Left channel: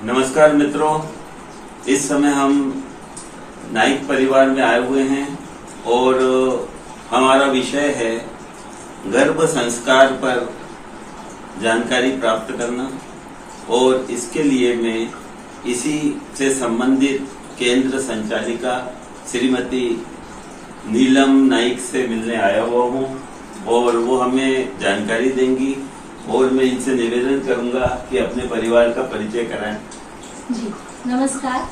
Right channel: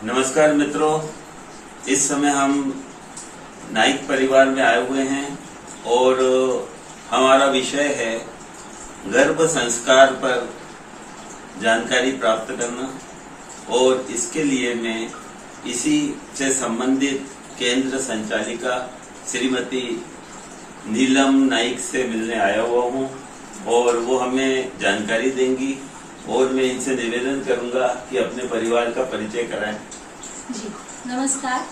नमस्कार मित्रों, इस समय हम नाइक परिवार में आए हुए हैं और हमारा विषय है गर्भ संस्कार पर जानकारी प्राप्त करना। और इसके लिए मैं इसी से संबंधित केंद्र संचालिका श्रीमती नीलम नाइक से मिलने आया हुआ हूँ और वो हमें जानकारी देंगी और मैं इनसे निवेदन करूंगा कि अपने परिवार का परिचय कराएं। जी नमस्कार,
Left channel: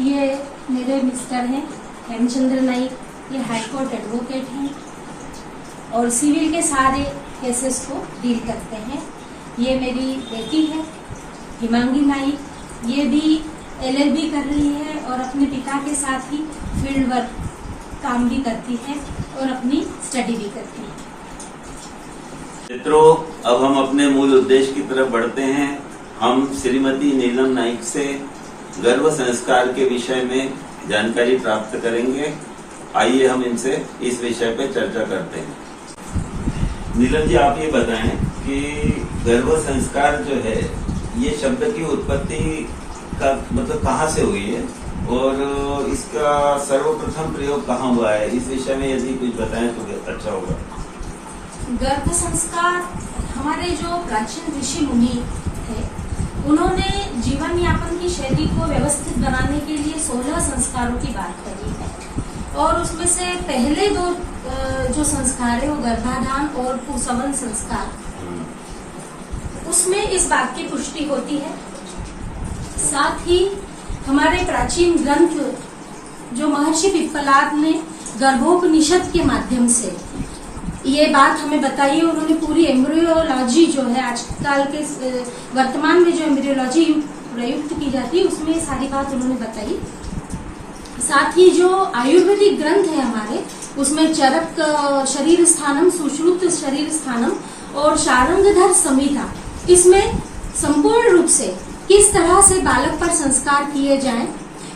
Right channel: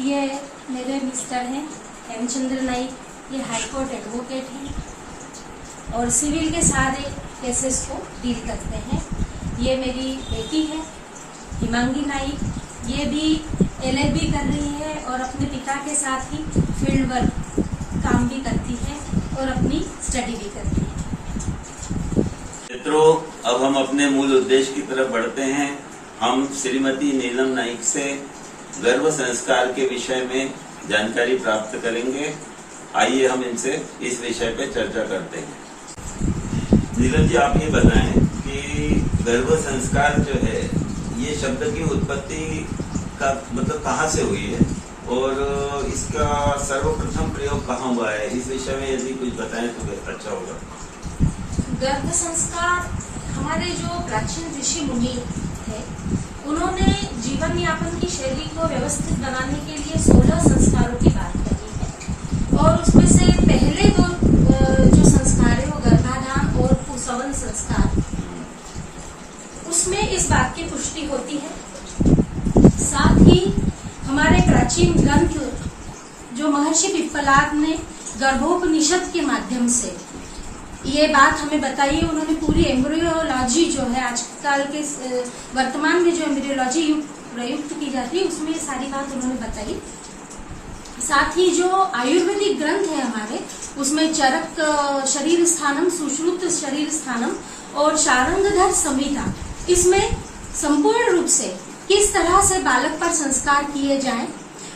ये मेरे मिस्टर हैं हेमचंद्र नाइक। ये हाई कोर्ट एडवोकेट हैं और सिविल के सारे केसेस को डील करते हैं। ये मेरी बेटी है हिमांगी नाइक, ये भी LLB कर रही है और अपने पिता के साथ ही फील्ड वर्क काम भी करती है और अपनी स्टडी भी करती है। मित्रों, अब हम अपने मूल उद्देश्य की तरफ बढ़ते हैं। हम श्रीमती नीलम नाइक से गर्भ संस्कार के विषय में जानकारी प्राप्त करेंगे। आइए हम इनसे इस विषय पर चर्चा करते हैं। नीलम जी, आप ये बताएं कि गर्भ संस्कार जो है ये शब्द की उत्पत्ति का मतलब कहाँ से हुई है और इसका सर्वप्रथम प्रयोग कहाँ हुआ है, इस विषय में यदि कुछ बताएं तो अच्छा होगा। गर्भ संस्कार हमारे जो प्राचीन ऋषि मुनि थे, उन्होंने जीवन यापन की शैली को व्यवस्थित बनाने के लिए 16 संस्कारों की बात करी है और उसमें से पहले दो जो संस्कार है वो गर्भाधान और पुंसवन संस्कार, उसमें इस बात की पुष्टि होती है। साथ ही हमारे प्राचीन ग्रंथ जो महर्षि पिप्पलाद ने गर्भोपनिषद के माध्यम से ये बात हमें बताई। उन्होंने पूरी एम्ब्रियोलॉजी जो है आजकल के वर्तमान में जो एम्ब्रियोलॉजी प्रयुक्त की जाती है उसमें सारी बात उन्होंने बताई। साथ ही जो आयुर्वेदिक ग्रंथ है हमारे, उसमें चरक शरीर स्थानम, सुश्रुत शरीर स्थानम और शारंगधर संहिता, इसमें संपूर्ण रूप से किस तरह से बालक पर संस्कार किए जाएं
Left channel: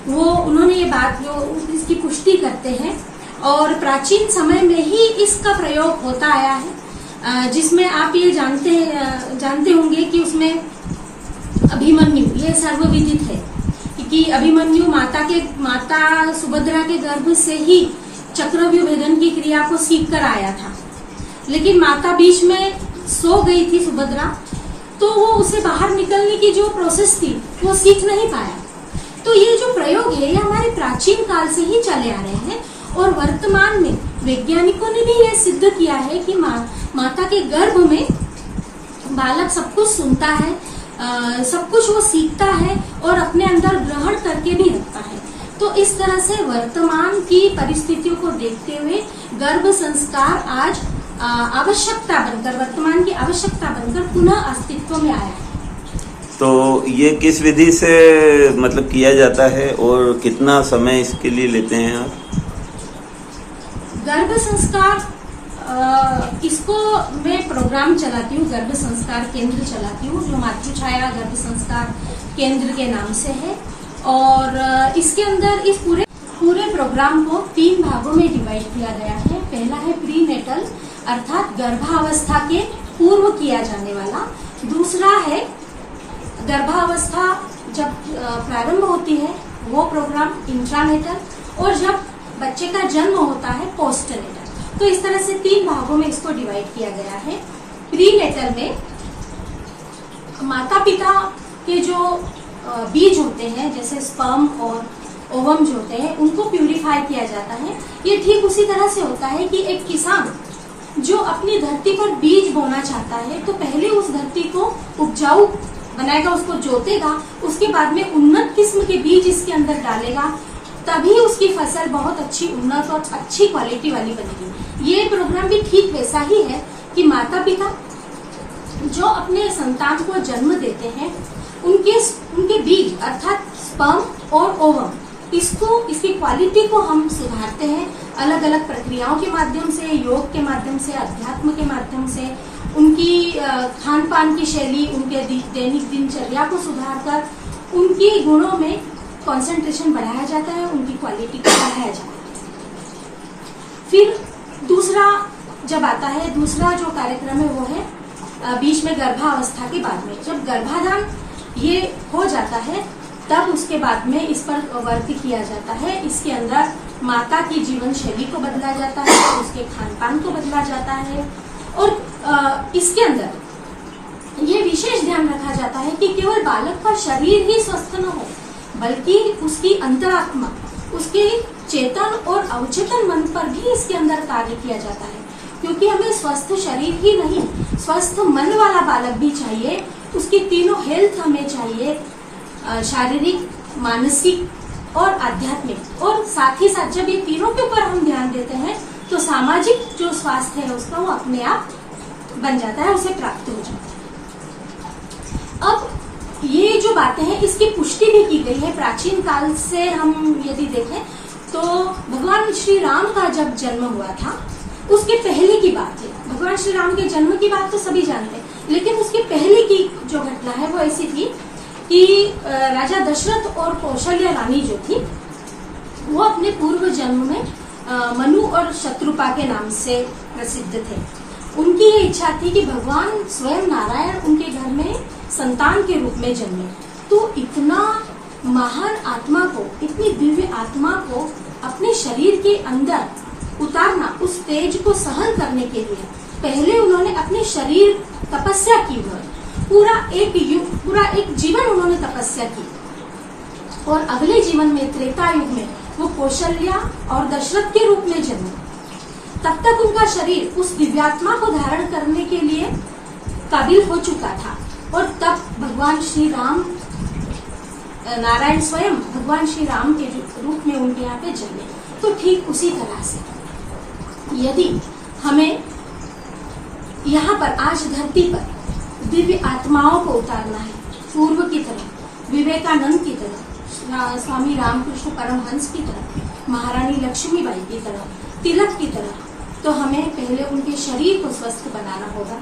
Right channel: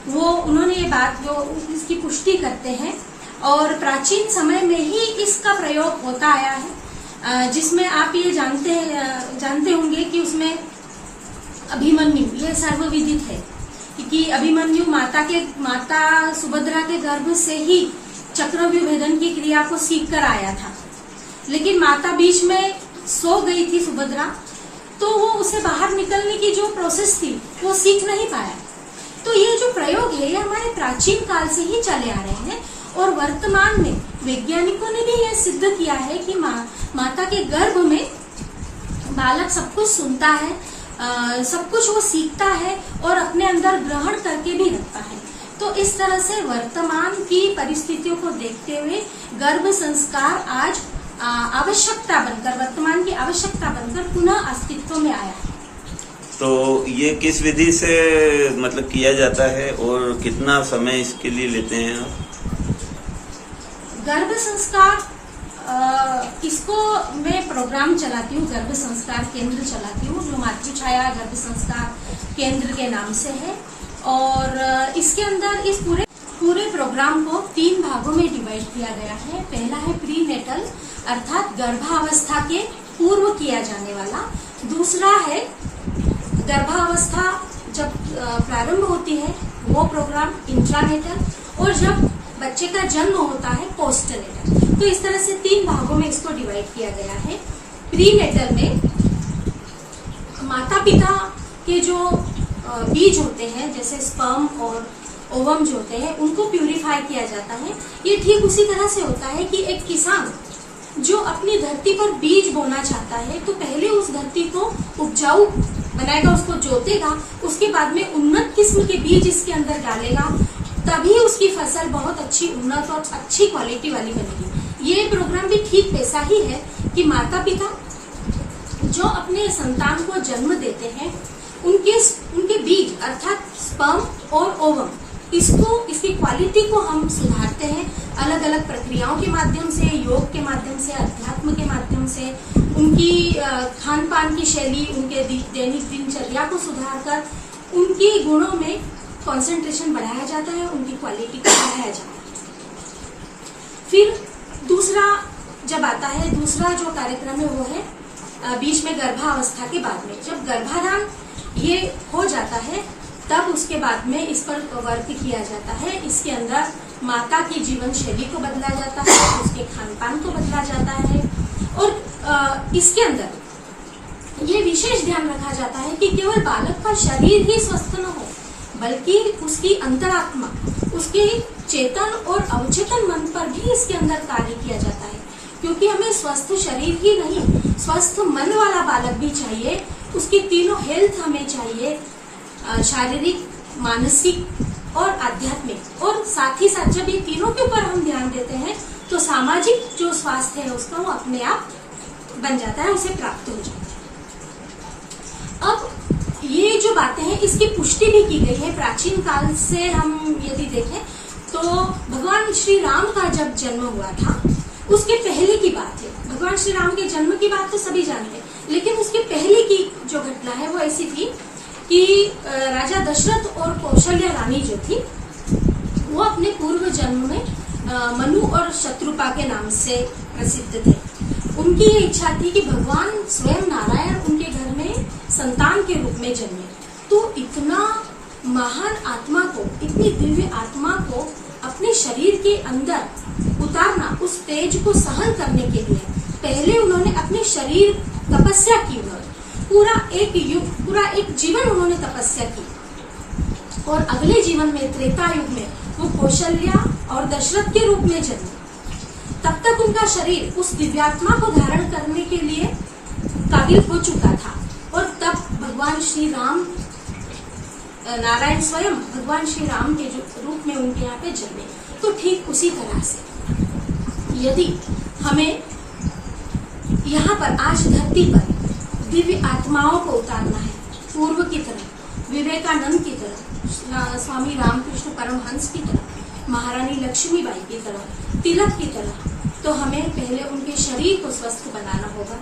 वो उन्होंने ये बात जो इसकी पुष्टि करते हैं। और प्राचीन समय में ही इसका प्रयोग होता आया है, जिसमें आप ये जानते होंगे कि उसमें अभिमन्यु ये सर्वविदित है कि अभिमन्यु माता सुभद्रा के गर्भ से ही चक्रव्यूह भेदन की क्रिया को सीख कर आया था, लेकिन माता बीच में सो गई थी सुभद्रा, तो वो उसे बाहर निकलने की जो प्रोसेस थी वो सीख नहीं पाया। तो ये जो प्रयोग है ये हमारे प्राचीन काल से ही चले आ रहे हैं और वर्तमान में वैज्ञानिकों ने भी यह सिद्ध किया है कि माता के गर्भ में बालक सब कुछ सुनता है, सब कुछ वो सीखता है और अपने अंदर ग्रहण करके भी रखता है। तो इस तरह से वर्तमान की परिस्थितियों को देखते हुए गर्भ संस्कार आज आवश्यकता बनकर, वर्तमान की आवश्यकता बनकर पुनः अस्तित्व में आया है। तो ये किस विधि से मतलब किया जाता है और कितना समय इसके लिए लेते हैं आप? गर्भ संस्कार इसको मैं प्रोग्राम चलाती हूँ, गर्भ संस्कार केंद्र चलाती हूँ जो मातृछाया गर्भ संस्कार केंद्र के नाम से है। और इसके अंदर इस पूरे प्रोग्राम को 3 भागों में डिवाइड किया गया है। पहला है प्री नेटल अर्थात गर्भावस्था के पूर्व किया जाने वाला। दूसरा है गर्भावस्था जब प्रारंभ होती है वो प्रोग्राम इंट्रानेटल, और जब बच्चे का जन्म होता है पोस्टनेटल। तो इस तरह से 3 भागों में इसको डिवाइड किया गया है। प्री नेटल में माता पिता के जो बीज होते हैं जैसे स्पर्म और ओवम जो होते हैं उनको प्यूरिफाई किया जाता है। ये ठीक उसी तरह से होता है कि एक किसान जो अपनी धरती पर बीज बोना चाहता है तो पहले उस धरती को उपजाऊ बनाएगा, उसको जोतेगा, उसके बाद में उन्नत किस्म के बीज इसके अंदर डालेगा, तभी उसकी फसल बहुत अच्छी उन्नत और अच्छी क्वालिटी वाली बनेगी। ये प्रोग्राम भी ठीक वैसा ही है कि माता पिता जो अपने संतान को जन्म देते हैं उनके बीज अर्थात स्पर्म और ओवम, इसकी क्वालिटी को हम सुधारते हैं अलग अलग प्रक्रियाओं के माध्यम से, योग के माध्यम से, अध्यात्म के माध्यम से, उनकी खान पान की शैली, उनके दैनिक दिनचर्या को सुधार कर उनके गुणों में कंसंट्रेशन बढ़ाया जाता है, उनकी क्वालिटी को बढ़ाया जाता है। फिर दूसरा जब आता है, दूसरा जो कार्यक्रम है वो है बीच में गर्भावस्था के बाद में जब गर्भाधान ये हो जाता जाता है तब उसके बाद में इस पर वर्क किया जाता है। इसके अंदर माता की जीवन शैली को बदला जाता है, उसके खान पान को बदला जाता है और इसके अंदर ये विशेष ध्यान रखा जाता है कि केवल बालक का शरीर ही स्वस्थ न हो, बल्कि उसकी अंतरात्मा, उसके चेतन और अवचेतन मन पर भी इसके अंदर कार्य किया जाता है। क्योंकि हमें स्वस्थ शरीर ही नहीं, स्वस्थ मन वाला बालक भी चाहिए। उसकी तीनों हेल्थ हमें चाहिए, शारीरिक, मानसिक और आध्यात्मिक। और साथ ही साथ जब ये तीनों के ऊपर हम ध्यान देते हैं तो सामाजिक जो स्वास्थ्य है उसका वो अपने आप बन जाता है, उसे प्राप्त हो जाता है। अब ये जो बातें हैं इसकी पुष्टि भी की गई है प्राचीन काल से। हम यदि देखें तो भगवान श्री राम का जब जन्म हुआ था उसके पहले की बात है। भगवान श्री राम के जन्म की बात तो सभी जानते हैं, लेकिन उसके पहले की जो घटना है वो ऐसी थी कि राजा दशरथ और कौशल्या रानी जो थी वो अपने पूर्व जन्म में मनु और शत्रुपा के नाम से प्रसिद्ध थे। उनकी ये इच्छा थी कि भगवान स्वयं नारायण उनके घर में संतान के रूप में जन्मे। तो इतना महान आत्मा को, इतनी दिव्य आत्मा को अपने शरीर के अंदर उतारना, उस तेज को सहन करने के लिए पहले उन्होंने अपने शरीर तपस्या की। पूरा एक जीवन उन्होंने तपस्या की और अगले जीवन में त्रेता युग में वो कौशल्या और दशरथ के रूप में जन्मे। तब तक उनका शरीर उस दिव्यात्मा को धारण करने के लिए काबिल हो चुका था और तब भगवान श्री राम, नारायण स्वयं भगवान श्री राम के रूप में उनके यहाँ पे जन्मे। तो ठीक उसी तरह से यदि हमें यहाँ पर आज धरती पर दिव्य आत्माओं को उतारना है, पूर्व की तरह, विवेकानंद की तरह, स्वामी रामकृष्ण परमहंस की तरह, महारानी लक्ष्मीबाई की तरह, तिलक की तरह, तो हमें पहले उनके शरीर को स्वस्थ बनाना होगा।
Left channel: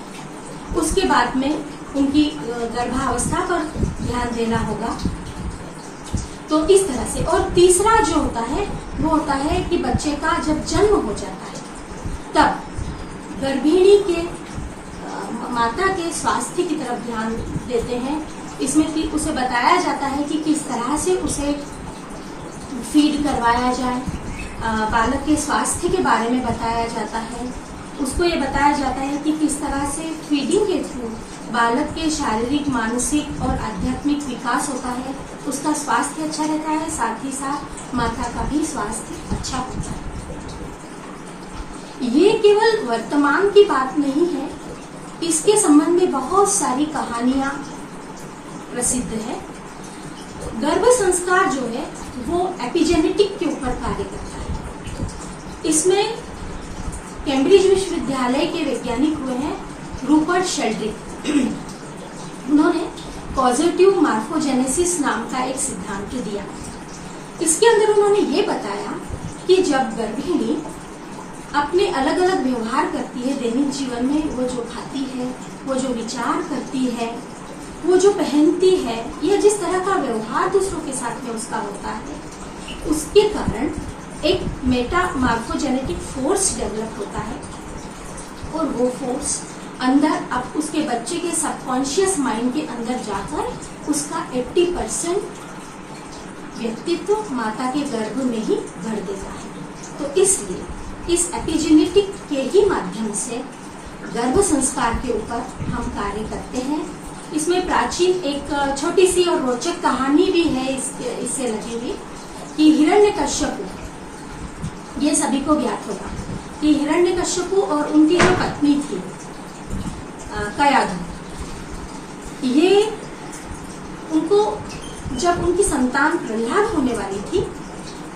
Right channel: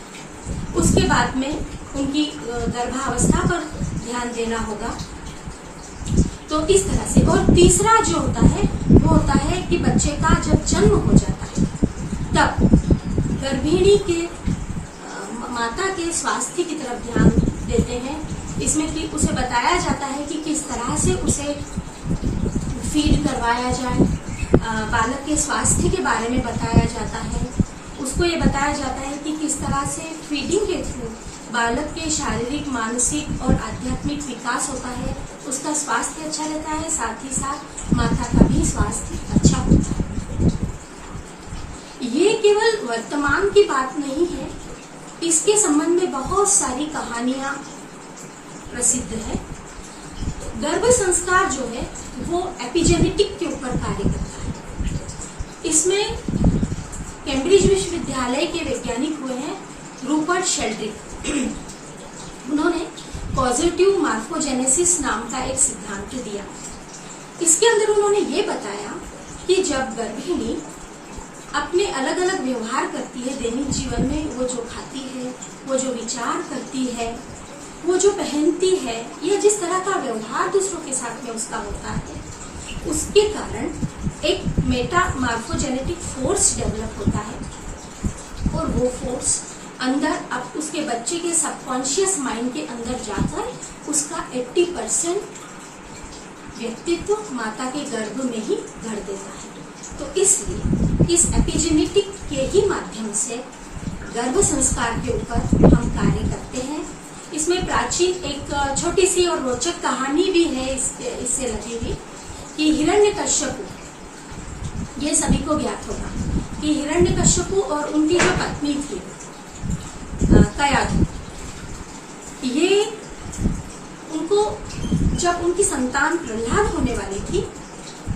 उसके बाद में उनकी गर्भावस्था पर ध्यान देना होगा। तो इस तरह से। और तीसरा जो होता है वो होता है कि बच्चे का जब जन्म हो जाता है तब गर्भिणी के माता के स्वास्थ्य की तरफ ध्यान देते हैं। इसमें कि उसे बताया जाता है कि किस तरह से उसे फीड करवाया जाए, बालक के स्वास्थ्य के बारे में बताया जाता है। उसको ये बताया जाता है कि किस तरह से फीडिंग के थ्रू बालक के शारीरिक, मानसिक और आध्यात्मिक विकास होता है, उसका स्वास्थ्य अच्छा रहता है, साथ ही साथ माता का भी स्वास्थ्य अच्छा होता है। ये केवल वर्तमान की बात नहीं है, इसके संबंध में बहुत सारी कहानियां प्रसिद्ध है। गर्भ संस्कार जो है वो एपिजेनेटिक के ऊपर कार्य करता है। इसमें कैम्ब्रिज विश्वविद्यालय के वैज्ञानिक हुए हैं रूपर्ट शेल्ड्रिक। उन्होंने पॉजिटिव मार्फोजेनेसिस नाम का एक सिद्धांत दिया। इसके अंदर उन्होंने ये बताया कि जब गर्भिणी अपने अलग अलग व्यवहार करती है दैनिक जीवन में, वो जो खाती है, वो जो विचार करती है, वो जो पहनती है, या जिस तरह का व्यवहार दूसरों के साथ में उसका होता है, उसके कारण एक मेटामॉर्फोजेनेटिक फोर्स डेवलप होता है और वो फोर्स अंदर अब उसके बच्चे के सबकॉन्शियस माइंड के अंदर जाकर उसका 80% व्यक्तित्व माता के गर्भ में ही भर देता है। तो इसलिए इस एपिजेनेटिक के ही माध्यम से गर्भ संस्कार के ऊपर हम कार्य करते हैं। इसमें प्राचीन एक छोटी सी और रोचक कहानी भी है इससे लगी हुई कि हिरण्यकश्यपु, ये सभी को ज्ञात होगा कि हिरण्यकश्यपु और उनकी जो पत्नी थी कयाधु, ये उनको जब उनकी संतान प्रहलाद होने वाली थी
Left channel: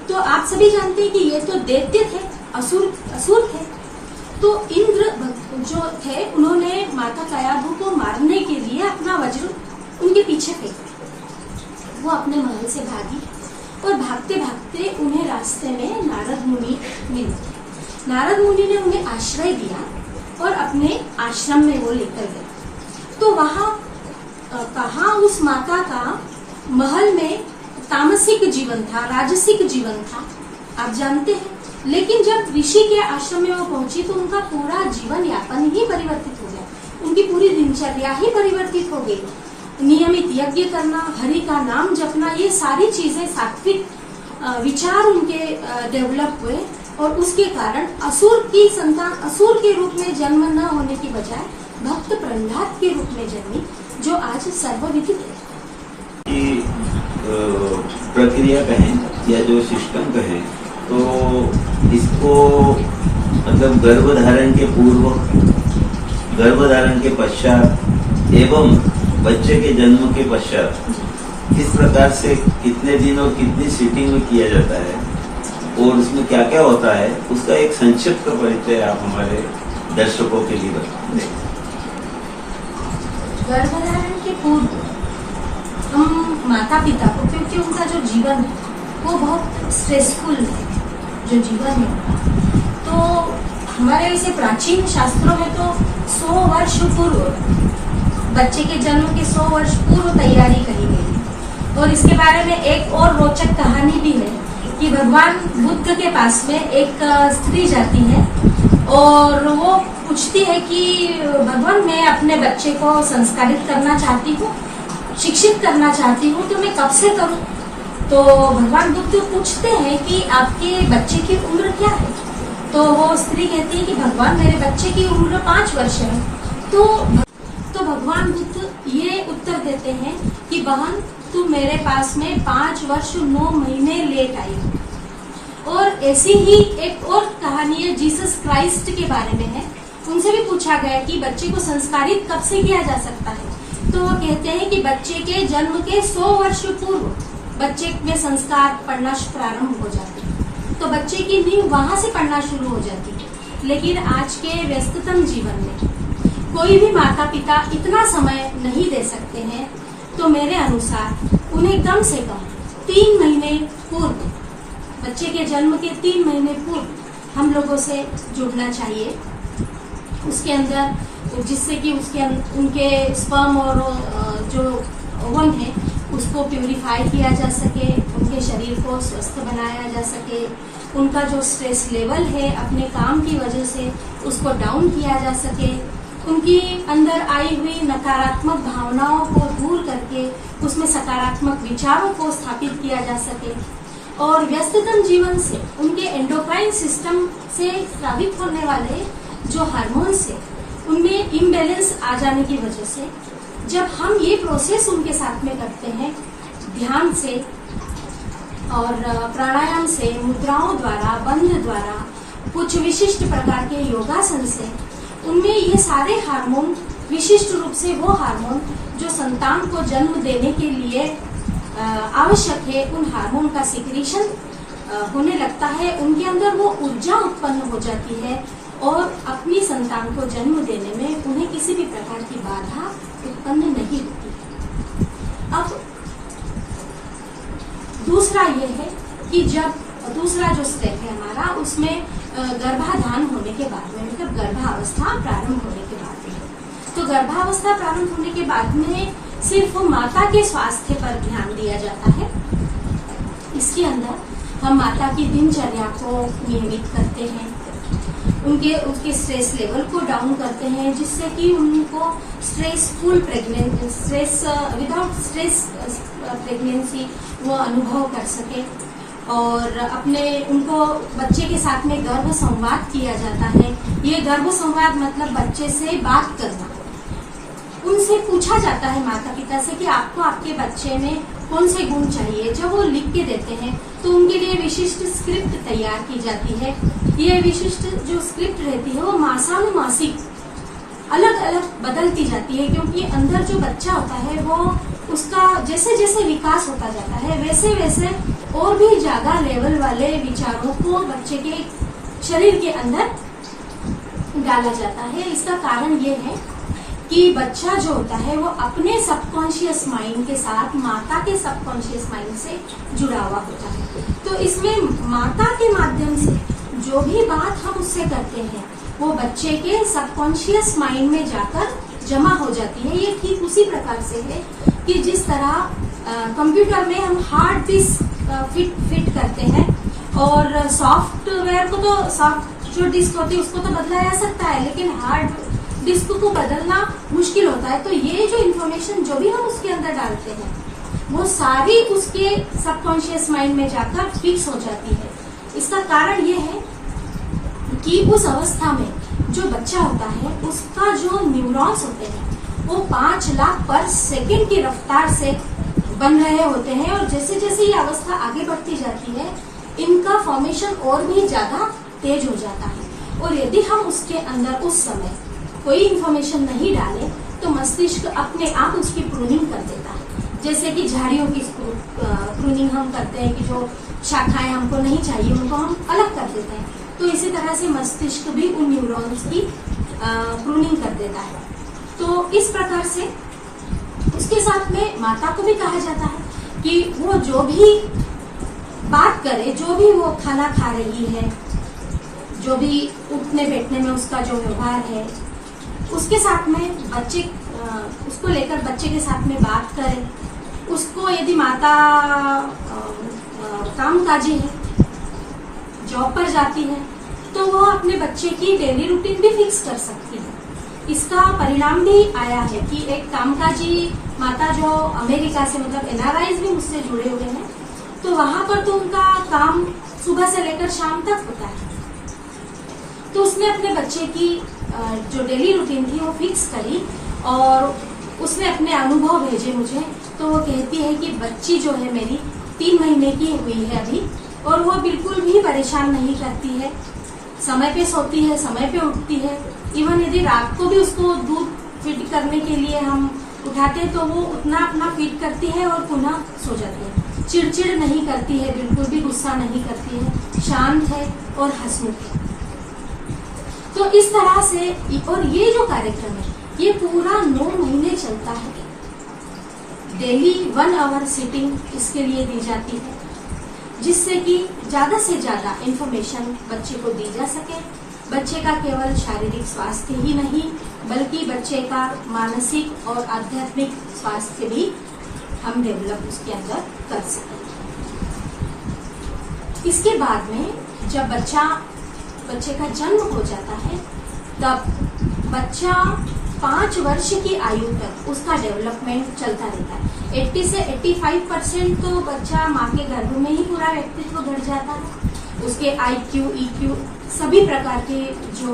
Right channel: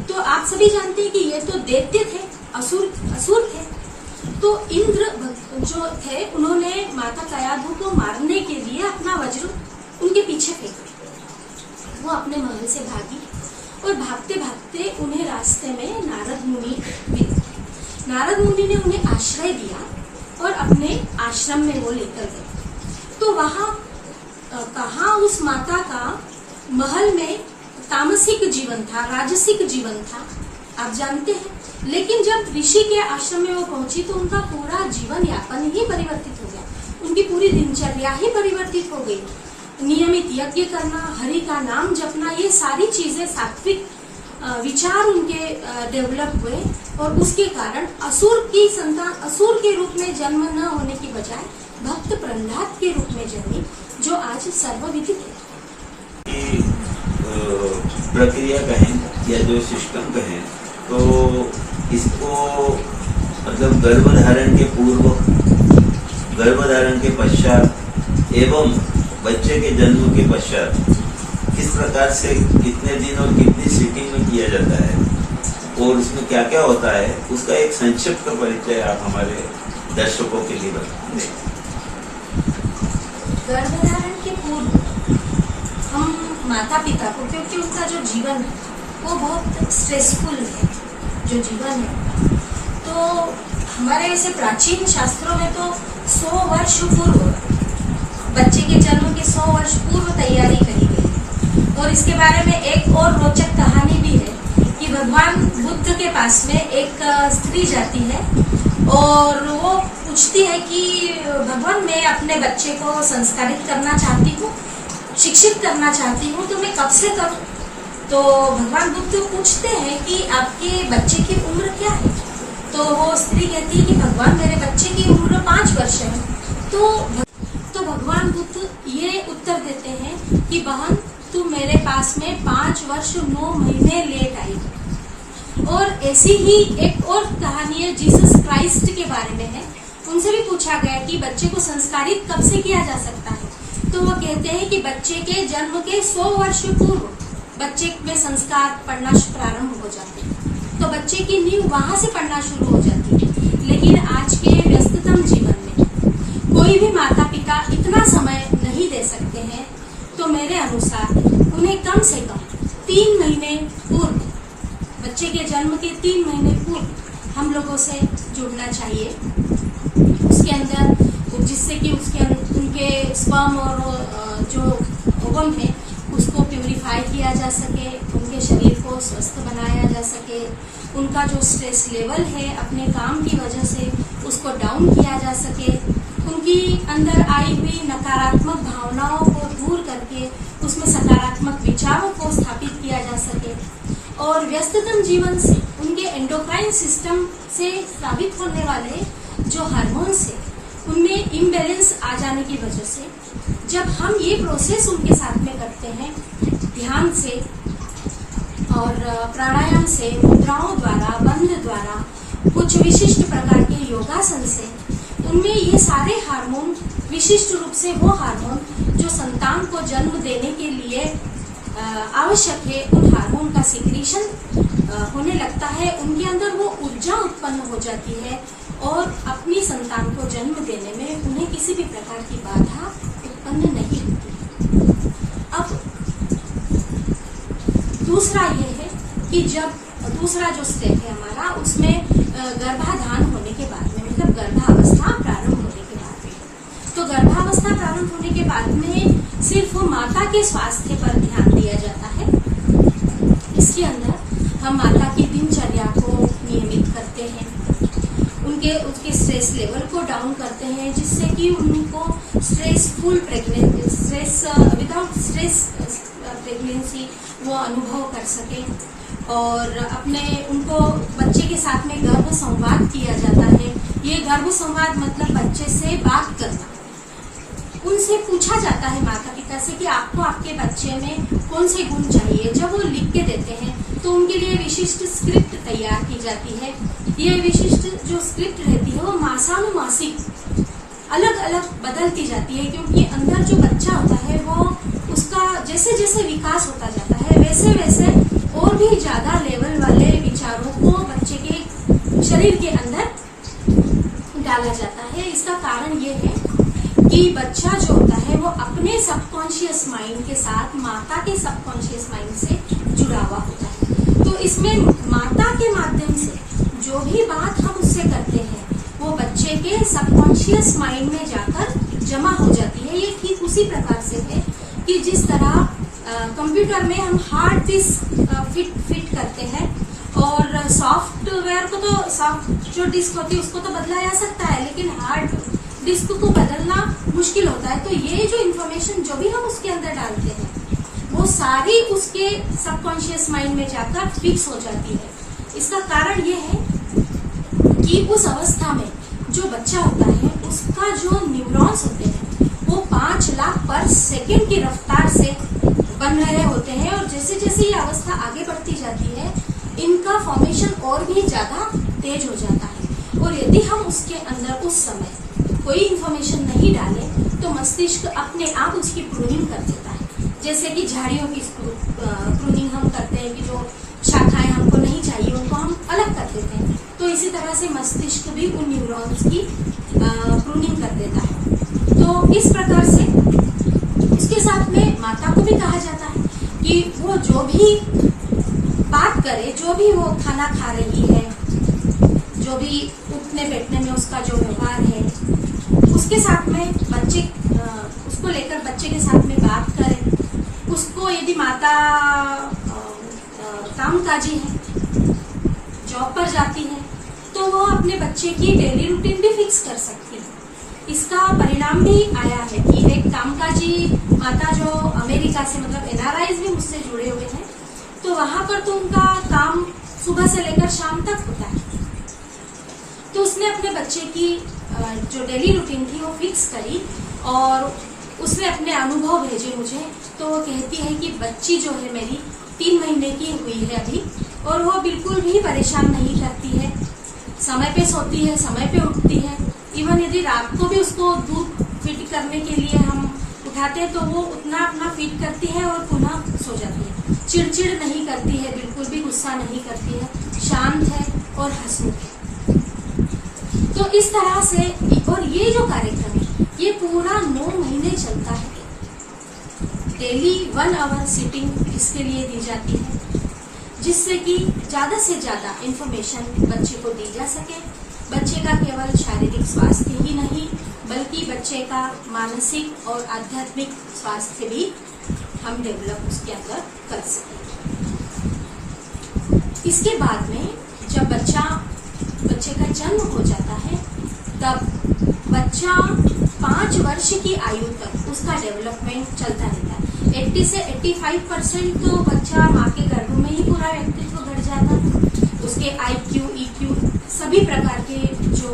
तो आप सभी जानते हैं कि ये तो दैत्य थे, असुर थे। तो इंद्र जो थे उन्होंने माता कयाधु को मारने के लिए अपना वज्र उनके पीछे फेंका। वो अपने महल से भागी और भागते भागते उन्हें रास्ते में नारद मुनि मिले। नारद मुनि ने उन्हें आश्रय दिया और अपने आश्रम में वो लेकर गए। तो वहां कहाँ उस माता का महल में तामसिक जीवन था, राजसिक जीवन था, आप जानते हैं। लेकिन जब ऋषि के आश्रम में वो पहुंची तो उनका पूरा जीवन यापन ही परिवर्तित हो गया, उनकी पूरी दिनचर्या ही परिवर्तित हो गई। नियमित यज्ञ करना, हरि का नाम जपना, ये सारी चीजें सात्विक विचार उनके डेवलप हुए और उसके कारण असुर की संतान असुर के रूप में जन्म न होने की बजाय भक्त प्रहलाद के रूप में जन्मी, जो आज सर्वविदित है। प्रक्रिया कहें या जो सिस्टम कहें, तो इसको मतलब गर्भधारण के पूर्व, गर्भधारण के पश्चात एवं बच्चे के जन्म के पश्चात किस प्रकार से कितने दिन और कितनी सीटिंग में किया जाता है और उसमें क्या क्या होता है, उसका एक संक्षिप्त परिचय आप हमारे दर्शकों के लिए बताएं। गर्भधारण के पूर्व हम माता पिता को, क्योंकि उनका जो जीवन है वो बहुत स्ट्रेसफुल है, जो जीवन है, तो हमारे वैसे प्राचीन शास्त्रों में तो 100 वर्ष पूर्व, बच्चे के जन्म के 100 वर्ष पूर्व तैयारी करी गई है। और इसके बारे में एक और रोचक कहानी भी है कि भगवान बुद्ध के पास में एक स्त्री जाती है और वो पूछती है कि भगवान, मैं अपने बच्चे को संस्कारित करना चाहती हूँ, शिक्षित करना चाहती हूँ, तो मैं कब से करूँ? तो भगवान बुद्ध पूछते हैं कि आपके बच्चे की उम्र क्या है? तो वो स्त्री कहती है कि भगवान, मेरे बच्चे की उम्र 5 वर्ष है। तो भगवान बुद्ध ये उत्तर देते हैं कि बहन, तू मेरे पास में 5 वर्ष 9 महीने लेट आई। और ऐसी ही एक और कहानी है जीसस क्राइस्ट के बारे में है। उनसे भी पूछा गया कि बच्चे को संस्कारित कब से किया जा सकता है, तो वो कहते हैं कि बच्चे के जन्म के 100 वर्ष पूर्व बच्चे में संस्कार पढ़ना प्रारंभ हो जाते हैं, तो बच्चे की नींव वहां से पढ़ना शुरू हो जाती है। लेकिन आज के व्यस्ततम जीवन में कोई भी माता पिता इतना समय नहीं दे सकते हैं, तो मेरे अनुसार उन्हें कम से कम 3 महीने पूर्व, बच्चे के जन्म के 3 महीने पूर्व हम लोगों से जुड़ना चाहिए, उसके अंदर, जिससे कि उनके स्पर्म और जो ओवम है उसको प्यूरिफाई किया जा सके, उनके शरीर को स्वस्थ बनाया जा सके, उनका जो स्ट्रेस लेवल है अपने काम की वजह से उसको डाउन किया जा सके, उनकी अंदर आई हुई नकारात्मक भावनाओं को दूर करके उसमें सकारात्मक विचारों को स्थापित किया जा सके, और व्यस्ततम जीवन से उनके एंडोक्राइन सिस्टम से स्रावित होने वाले जो हार्मोन्स है उनमें इम्बैलेंस आ जाने की वजह से जब हम ये प्रोसेस उनके साथ में करते हैं, ध्यान से और प्राणायाम से, मुद्राओं द्वारा, बंध द्वारा, कुछ विशिष्ट प्रकार के योगासन से, उनमें ये सारे हार्मोन, विशिष्ट रूप से वो हार्मोन जो संतान को जन्म देने के लिए आवश्यक है, उन हार्मोन का सिक्रीशन होने लगता है, उनके अंदर वो ऊर्जा उत्पन्न हो जाती है और अपनी संतान को जन्म देने में उन्हें किसी भी प्रकार की बाधा उत्पन्न नहीं होती। अब दूसरा ये है कि जब दूसरा जो स्टेप है हमारा, उसमें गर्भाधान होने के बाद में, मतलब गर्भावस्था प्रारंभ होने के बाद में, तो गर्भावस्था प्रारंभ होने के बाद में सिर्फ माता के स्वास्थ्य पर ध्यान दिया जाता है। इसके अंदर हम माता की दिनचर्या को नियमित करते हैं, उसके स्ट्रेस लेवल को डाउन करते हैं, जिससे कि उनको stressful pregnancy, without stress pregnancy वो अनुभव कर सके, और उनको बच्चे के साथ में गर्भ संवाद किया जाता है। ये गर्भ संवाद मतलब बच्चे से बात करना, उनसे पूछा जाता है माता पिता से कि आपको आपके बच्चे में कौन से गुण चाहिए। जब वो लिख के देते हैं तो उनके लिए विशिष्ट स्क्रिप्ट तैयार की जाती है। ये विशिष्ट जो स्क्रिप्ट रहती है वो मासानुमासिक अलग अलग बदलती जाती है, क्योंकि अंदर जो बच्चा होता है वो उसका जैसे जैसे विकास होता जाता है वैसे वैसे और भी ज्यादा लेवल वाले विचारों को बच्चे के शरीर के अंदर डाला जाता है। इसका कारण ये है कि बच्चा जो होता है वो अपने सबकॉन्शियस माइंड के साथ माता के सबकॉन्शियस माइंड से जुड़ा हुआ होता है। तो इसमें माता के माध्यम से जो भी बात हम उससे करते हैं वो बच्चे के सबकॉन्शियस माइंड में जाकर जमा हो जाती है। ये ठीक उसी प्रकार से है कि जिस तरह कंप्यूटर में हम हार्ड डिस्क फिट करते हैं, और सॉफ्टवेयर को तो सॉफ्ट जो डिस्क होती है उसको तो बदला जा सकता है, लेकिन हार्ड डिस्क को बदलना मुश्किल होता है। तो ये जो इन्फॉर्मेशन जो भी हम उसके अंदर डालते हैं वो सारी उसके सबकॉन्शियस माइंड में जाकर फिक्स हो जाती है। इसका कारण ये है कि उस अवस्था में जो बच्चा होता है उसका जो न्यूरॉन्स होते हैं वो 5 लाख पर सेकेंड की रफ्तार से बन रहे होते हैं, और जैसे जैसे ये अवस्था आगे बढ़ती जाती है इनका फॉर्मेशन और भी ज्यादा तेज हो जाता है। और यदि हम उसके अंदर उस समय कोई इन्फॉर्मेशन नहीं डाले तो मस्तिष्क अपने आप उसकी प्रूनिंग कर देता है। जैसे कि झाड़ियों की प्रूनिंग हम करते हैं कि जो शाखाएं हमको नहीं चाहिए उनको हम अलग कर देते हैं, तो इसी तरह से मस्तिष्क भी उन न्यूरॉन्स की प्रूनिंग कर देता है। तो इस प्रकार से इसके साथ में माता को भी कहा जाता है कि वो जो भी बात करे, जो भी वो खाना खा रही है, जो भी उठने बैठने में उसका जो व्यवहार है, उसके साथ में बच्चे उसको लेकर बच्चे के साथ में बात करें। उसको यदि माता कामकाजी है, जॉब पर जाती है, तो वो अपने बच्चे की डेली रूटीन भी फिक्स कर सकती है। इसका परिणाम भी आया है कि एक कामकाजी माता जो अमेरिका से मतलब NRIs भी मुझसे जुड़े हुए हैं, तो वहां पर तो उनका काम सुबह से लेकर शाम तक होता है। तो उसने अपने बच्चे की जो डेली रूटीन थी वो फिक्स करी और उसने अपने अनुभव भेजे मुझे। तो वो कहती है कि बच्ची जो है मेरी 3 महीने की हुई है अभी, और वो बिल्कुल भी परेशान नहीं करती है, समय पे सोती है, समय पे उठती है। इवन यदि रात को भी उसको दूध फीड करने के लिए हम उठाते हैं तो वो उतना अपना फीड करती है और पुनः सो जाती है। चिड़चिड़ नहीं करती है, बिल्कुल भी गुस्सा नहीं करती है, शांत है और हंसमुख है। तो इस तरह से, और ये जो कार्यक्रम है ये पूरा 9 महीने चलता है। डेली 1 आवर सिटिंग इसके लिए दी जाती है, जिससे कि ज्यादा से ज्यादा इंफॉर्मेशन बच्चे को दी जा सके। बच्चे का केवल शारीरिक स्वास्थ्य ही नहीं बल्कि बच्चे का मानसिक और आध्यात्मिक स्वास्थ्य भी हम डेवलप उसके अंदर कर सकें। इसके बाद में जब बच्चे का जन्म हो जाता है तब बच्चा 5 वर्ष की आयु तक उसका डेवलपमेंट चलता रहता है। 80 से 85% तो बच्चा माँ के गर्भ में ही पूरा व्यक्तित्व घट जाता है। उसके IQ, EQ सभी प्रकार के जो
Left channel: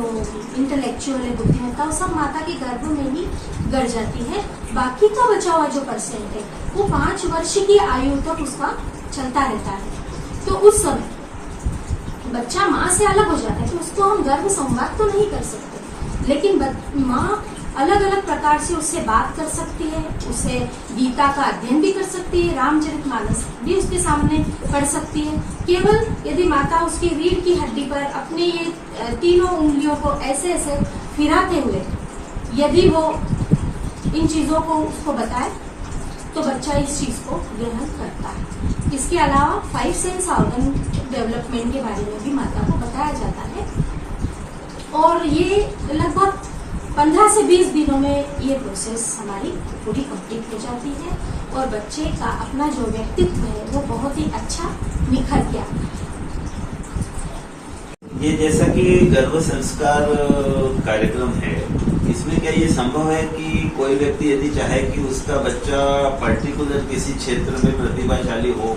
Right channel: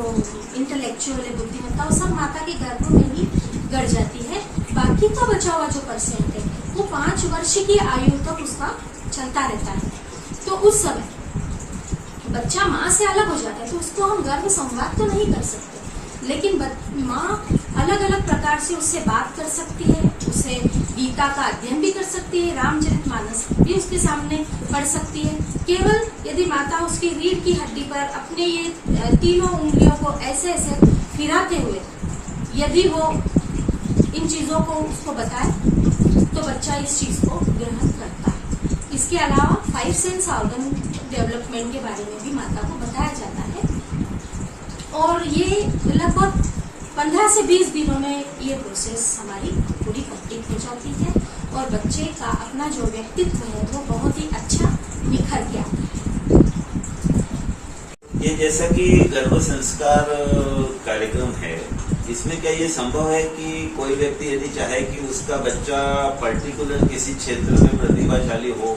इंटेलेक्चुअल बुद्धिमत्ता वो सब माता के गर्भ में ही घट जाती है। बाकी का बचा हुआ जो परसेंट है वो 5 वर्ष की आयु तक उसका चलता रहता है। तो उस समय बच्चा माँ से अलग हो जाता है तो उसको हम गर्भ संवाद तो नहीं कर सकते, लेकिन माँ अलग अलग प्रकार से उससे बात कर सकती है, उसे गीता का अध्ययन भी कर सकती है, रामचरितमानस भी उसके सामने पढ़ सकती है। केवल यदि माता उसकी रीढ़ की हड्डी पर अपने ये 3 उंगलियों को ऐसे ऐसे फिराते हुए यदि वो इन चीजों को उसको बताए तो बच्चा इस चीज को ग्रहण करता है। इसके अलावा 5 सेंस ऑर्गन डेवलपमेंट के बारे में भी माता को बताया जाता है, और ये लगभग 15 से 20 दिनों में ये प्रोसेस हमारी पूरी कंप्लीट हो जाती है और बच्चे का अपना जो व्यक्तित्व है वो बहुत ही अच्छा निखर के आता है। ये जैसा कि गर्भ संस्कार कार्यक्रम है, इसमें क्या ये संभव है कि कोई व्यक्ति यदि चाहे कि उसका बच्चा पर्टिकुलर किसी क्षेत्र में प्रतिभाशाली हो,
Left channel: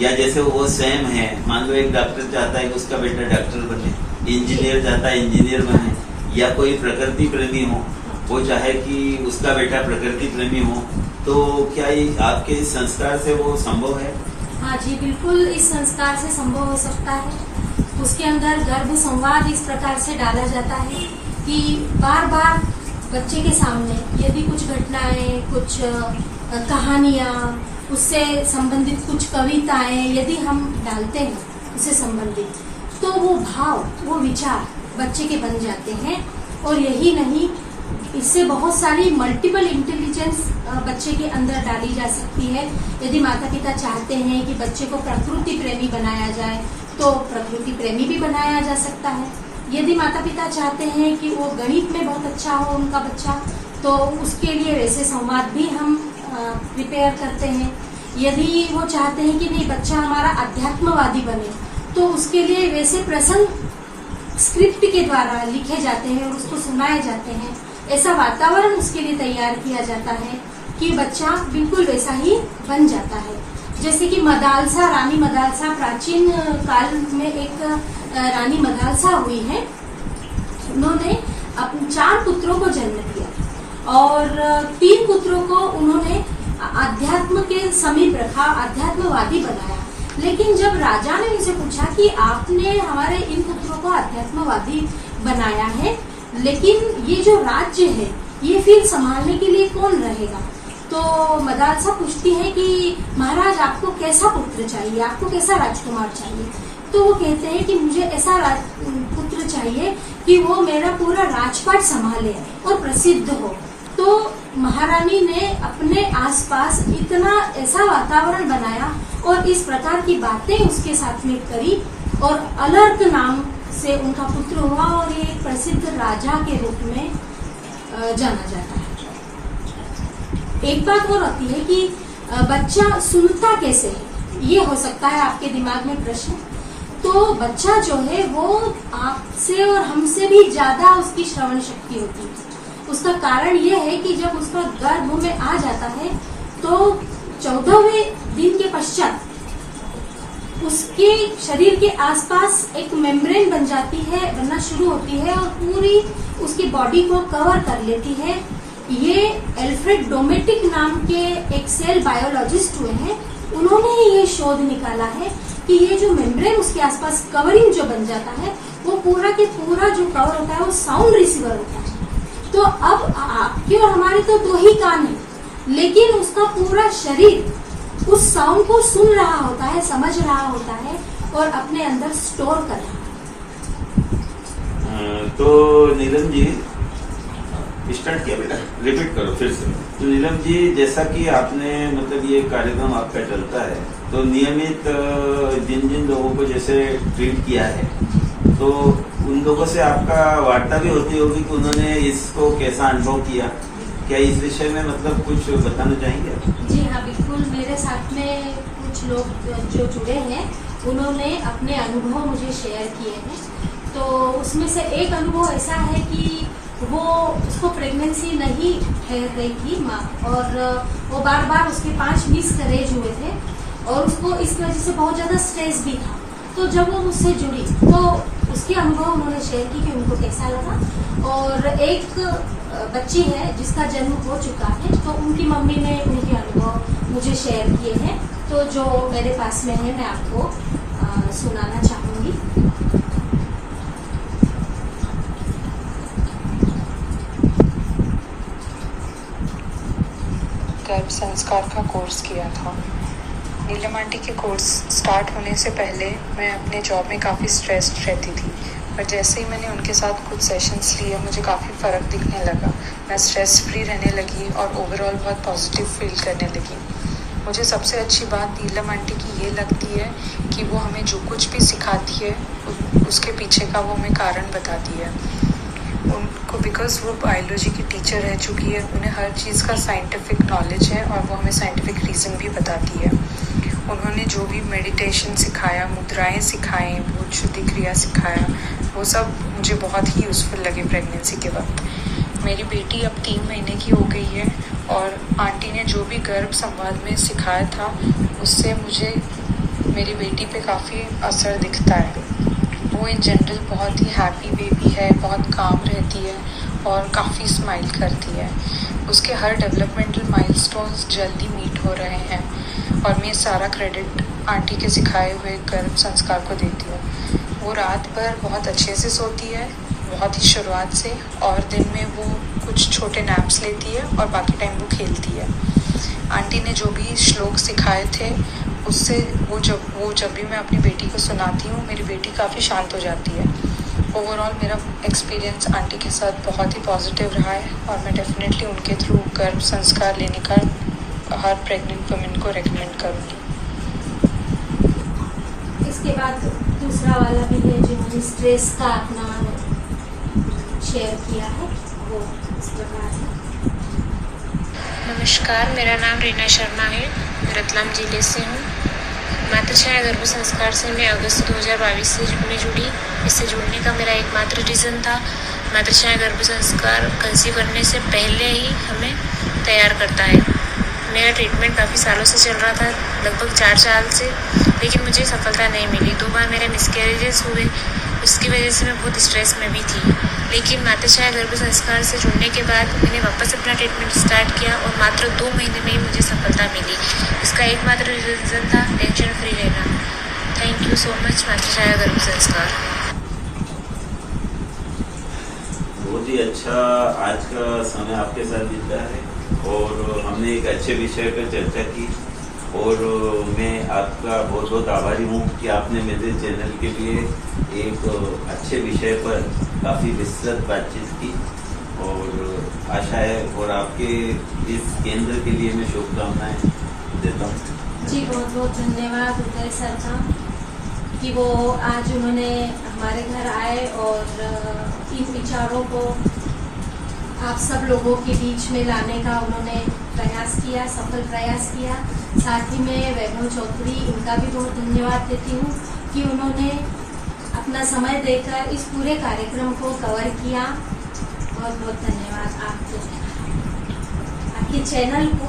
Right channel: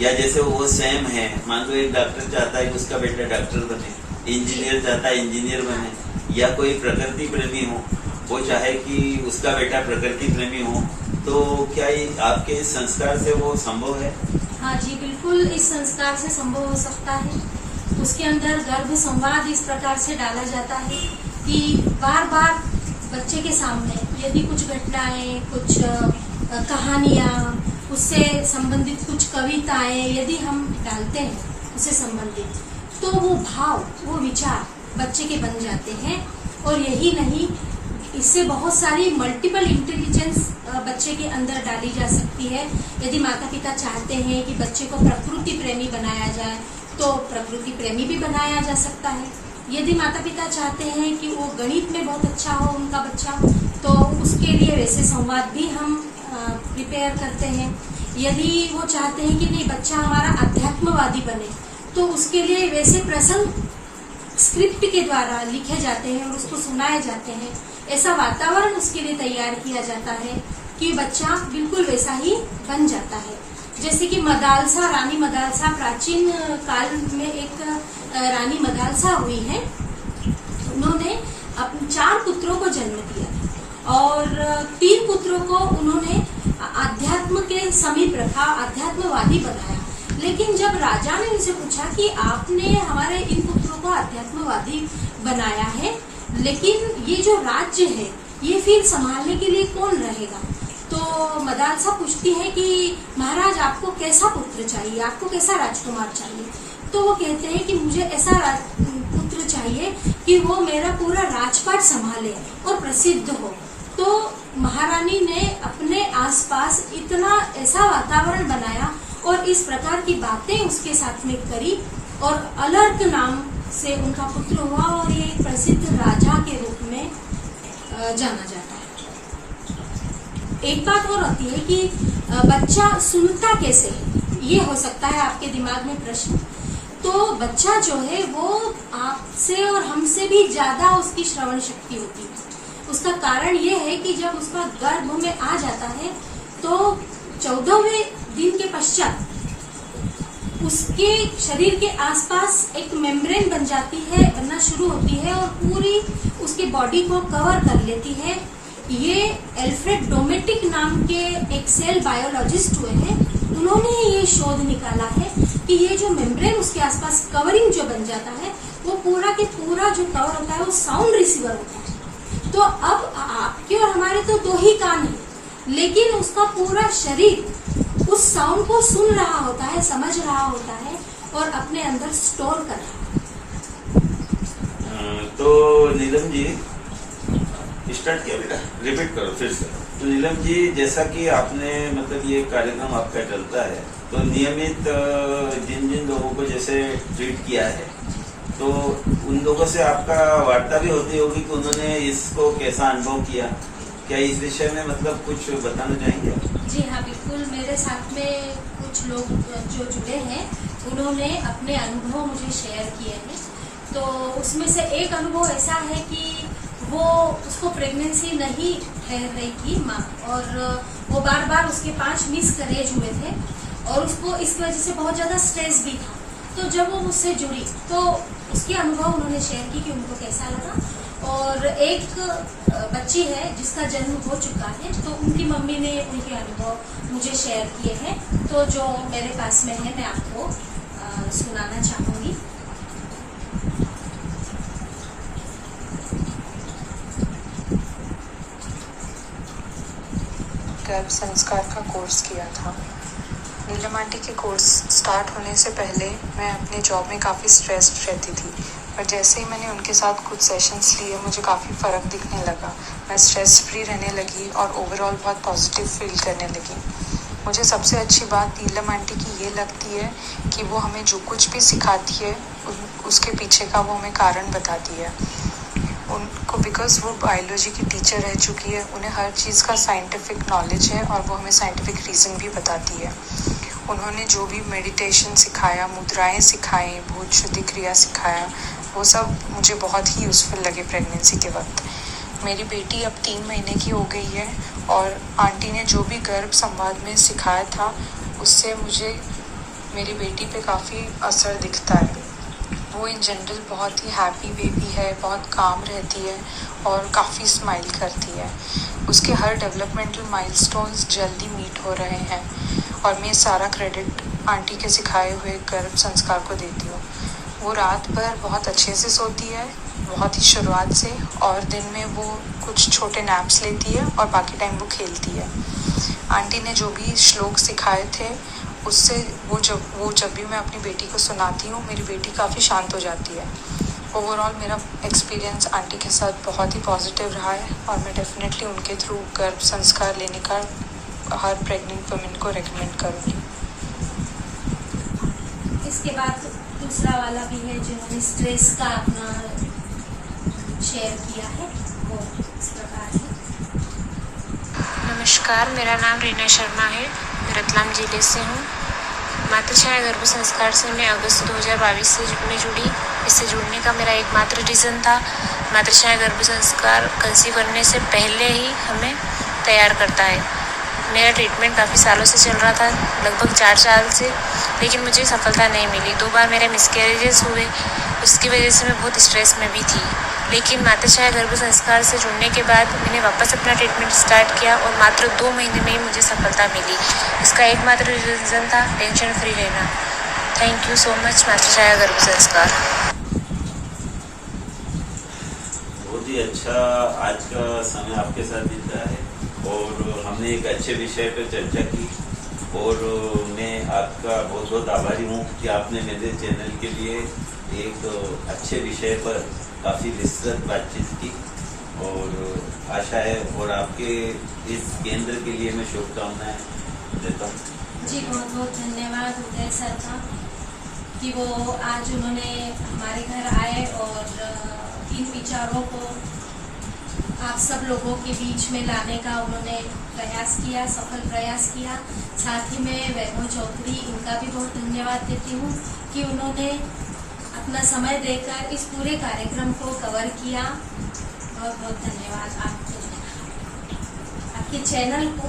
या जैसे वो स्वयं है, मान लो एक डॉक्टर चाहता है कि उसका बेटा डॉक्टर बने, इंजीनियर चाहता है इंजीनियर बने, या कोई प्रकृति प्रेमी हो वो चाहे कि उसका बेटा प्रकृति प्रेमी हो, तो क्या ये आपके संस्कार से वो संभव है? हाँ जी, बिल्कुल इस संस्कार से संभव हो सकता है। उसके अंदर गर्भ संवाद इस प्रकार से डाला जाता है कि बार बार बच्चे के सामने यदि कुछ घटनाएं, कुछ कहानियां, उससे संबंधित कुछ कविताएं यदि हम डालते हैं उससे संबंधित, तो वो भाव, वो विचार बच्चे के बन जाते हैं। और यही नहीं, इससे बहुत सारी मल्टीपल इंटेलिजेंस बच्चे के अंदर डाली जा सकती है। यदि माता पिता चाहते हैं कि बच्चे को प्रकृति प्रेमी बनाया जाए तो प्रकृति प्रेमी भी बनाया जा सकता है। यदि माता पिता चाहते हैं कि वो गणित में बहुत अच्छा हो उनका बच्चा, तो उसके लिए वैसे संवाद भी हम प्रिपेयर करते हैं। यदि वो चाहते हैं कि नहीं बच्चा हमारा अध्यात्मवादी बने, तो उसके लिए वैसे प्रसंग स्क्रिप्ट के द्वारा लिखे जाते हैं और उसको सुनाए जाते हैं। ऐसा वातावरण उसके लिए तैयार किया जाता है कि बच्चा बिल्कुल वैसा ही बन जाता है। जैसे कि मदालसा, रानी मदालसा, प्राचीन काल में एक रानी मदालसा हुई है। उन्होंने अपने 4 पुत्रों को जन्म दिया और 3 पुत्रों को उन्होंने आध्यात्म के समीप रखा, आध्यात्मवादी बनाया। लेकिन जब राजा ने उनसे पूछा कि आपने हमारे इन पुत्रों को आध्यात्मवादी बनाया है, लेकिन ये जो राज्य है ये फिर संभालने के लिए कौन रहेगा? तो मदालसा पूछती है कि महाराज आपको कैसा पुत्र चाहिए, आपको कैसा राजकुमार चाहिए? तो वो कहते हैं कि मुझे ऐसा पुत्र चाहिए कि वो मेरा पूरा राजपाट संभाले और प्रसिद्ध हो। तो महारानी ने अपने आसपास इतना ऐसा वातावरण बनाया और इस प्रकार की बातें उसके साथ में करी और अलर्क नाम से उनका पुत्र हुआ और ये एक प्रसिद्ध राजा के रूप में जाना जाता है। एक बात और होती है कि बच्चा सुनता कैसे है, ये हो सकता है आपके दिमाग में प्रश्न। तो बच्चा जो है वो आपसे और हमसे भी ज्यादा उसकी श्रवण शक्ति होती है। उसका कारण ये है कि जब उसका गर्भ में आ जाता है तो 14वें दिन के पश्चात उसके शरीर के आसपास एक मेम्ब्रेन बन जाती है, बनना शुरू होती है और पूरी उसकी बॉडी को कवर कर लेती है। ये एल्फ्रेड डोमेटिक नाम के एक सेल बायोलॉजिस्ट हुए हैं, उन्होंने ये शोध निकाला है कि ये जो मेम्ब्रेन उसके आसपास कवरिंग जो बन जाता है वो पूरा के पूरा जो कवर होता है वो साउंड रिसीवर होता है। तो अब आपके और हमारे तो 2 ही कान हैं, लेकिन उसका पूरा शरीर उस साउंड को सुन रहा होता है, समझ रहा होता है और अपने अंदर स्टोर कर रहा है। तो नीलम जी स्टार्ट किया बेटा, रिपीट करो फिर से। तो नीलम जी, जैसा कि आपने मतलब ये कार्यक्रम आपका चलता है तो नियमित जिन जिन लोगों को जैसे ट्रीट किया है तो उन लोगों से आपका वार्ता भी होती होगी कि उन्होंने इसको कैसा अनुभव किया। क्या इस विषय में मतलब कुछ बताना चाहेंगे आप? जी हाँ, बिल्कुल। मेरे साथ में कुछ लोग जो जुड़े हैं उन्होंने अपने अनुभव मुझे शेयर किए हैं। तो उसमें से एक अनुभव ऐसा है कि वो उसको प्रेगनेंसी नहीं ठहर रही थी माँ, और वो बार बार उसके 5 मिसकैरेज हुए थे और उसको इसकी वजह से बहुत ज्यादा स्ट्रेस भी था। तो जब वो मुझसे जुड़ी तो उसके अनुभव उन्होंने शेयर की कि उनको कैसा लगा। और एक बच्ची है जिसका जन्म हो चुका है, तो उनकी मम्मी ने उनके अनुभव मुझे शेयर किए हैं, तो जो मेरे पास में है मैं आपको सुनाना चाहूंगी। गर्भ संस्कार का कोर्स किया था। नीलम आंटी के कोर्स स्टार्ट होने से पहले मैं अपने जॉब में काफ़ी स्ट्रेस्ड रहती थी, पर जैसे ही मैंने उनके साथ कुछ सेशंस लिए मुझे काफ़ी फ़र्क दिखने लगा। मैं स्ट्रेस फ्री रहने लगी और ओवरऑल बहुत पॉजिटिव फील करने लगी। मुझे सबसे अच्छी बात नीलम आंटी की ये लगती है कि वो हमें जो कुछ भी सिखाती है उसके पीछे का वो हमें कारण बताती है। उनको बिकॉज वो बायोलॉजी की टीचर रह चुकी है, उन्हें हर चीज़ का साइंटिफिक नॉलेज है और वो हमें साइंटिफिक रीज़न भी बताती है। उन्होंने जो भी मेडिटेशन सिखाया, मुद्राएं सिखाई, भूत शुद्धि क्रिया सिखाया, वो सब मुझे बहुत ही यूज़फुल लगे प्रेगनेंसी के वक्त। मेरी बेटी अब 3 महीने की हो गई है और आंटी ने जो भी गर्भ संवाद में सिखाया था उससे मुझे मेरी बेटी पे काफ़ी असर दिखता है। वो इन जनरल बहुत ही हैप्पी बेबी है, बहुत काम रहती है और काफ़ी स्माइल करती है। उसके हर डेवलपमेंटल माइलस्टोन्स जल्दी मीट हो रहे हैं और मैं सारा क्रेडिट आंटी के सिखाए हुए गर्भ संस्कार को देती हूँ। वो रात भर बहुत अच्छे से सोती है, बहुत ही शुरुआत से, और दिन में वो कुछ छोटे नैप्स लेती है और बाकी टाइम वो खेलती है। आंटी ने जो भी श्लोक सिखाए थे उससे वो जब भी मैं अपनी बेटी को सुनाती हूँ मेरी बेटी काफ़ी शांत हो जाती है। ओवरऑल मेरा एक्सपीरियंस आंटी के साथ बहुत ही पॉजिटिव रहा है और मैं डेफिनेटली उनके थ्रू गर्भ संस्कार लेने का हर प्रेग्नेंट वुमेन को रेकमेंड करूँगी। इसके बाद दूसरा वाला भी है जो हमने स्ट्रेस का अपना शेयर किया है, वो इस प्रकार है। नमस्कार, मेरा नाम रीना शर्मा है, रतलाम जिले से हूँ। माता छाया गर्भ संस्कार से मैं अगस्त 2022 में जुड़ी। इससे जुड़ने का मेरा एकमात्र रीज़न था मातृछाया गर्भ संस्कार कंसीव करने से पहले ही हमें तैयार करता है। मेरा ट्रीटमेंट काफ़ी सालों से चल रहा था, लगभग 4 साल से, लेकिन मुझे सफलता नहीं मिली। 2 बार मेरे मिसकैरेजेस हुए, उसकी वजह से मैं बहुत स्ट्रेस में भी थी। लेकिन मातृछाया गर्भ संस्कार से जुड़ने के बाद मैंने वापस अपना ट्रीटमेंट स्टार्ट किया और मात्र 2 महीने में ही मुझे सफलता मिली। इसका एकमात्र रीज़न था टेंशन फ्री रहना। Thank you so much Matrichhaya गर्भ संस्कार। बहुत ही अच्छा आज का समय आपके साथ बीता है और हमने एक अच्छे विषय पर चर्चा की और मैं आपका बहुत बहुत आभारी हूँ कि आपने मेरे चैनल के लिए एक अच्छे विषय पर काफ़ी विस्तृत बातचीत की और आशा है और आपके इस केंद्र के लिए मैं शुभकामनाएं देता हूँ। जी बहुत बहुत धन्यवाद उदय सर का कि वो आज उन्होंने हमारे घर आए और इन विचारों को आप सब लोगों के बीच में लाने का उन्होंने प्रयास किया, सफल प्रयास किया। साथ ही मैं वैभव चौधरी उनका भी बहुत धन्यवाद देती हूँ कि उन्होंने अपना समय देकर इस पूरे कार्यक्रम को कवर किया। बहुत बहुत धन्यवाद आपके चैनल को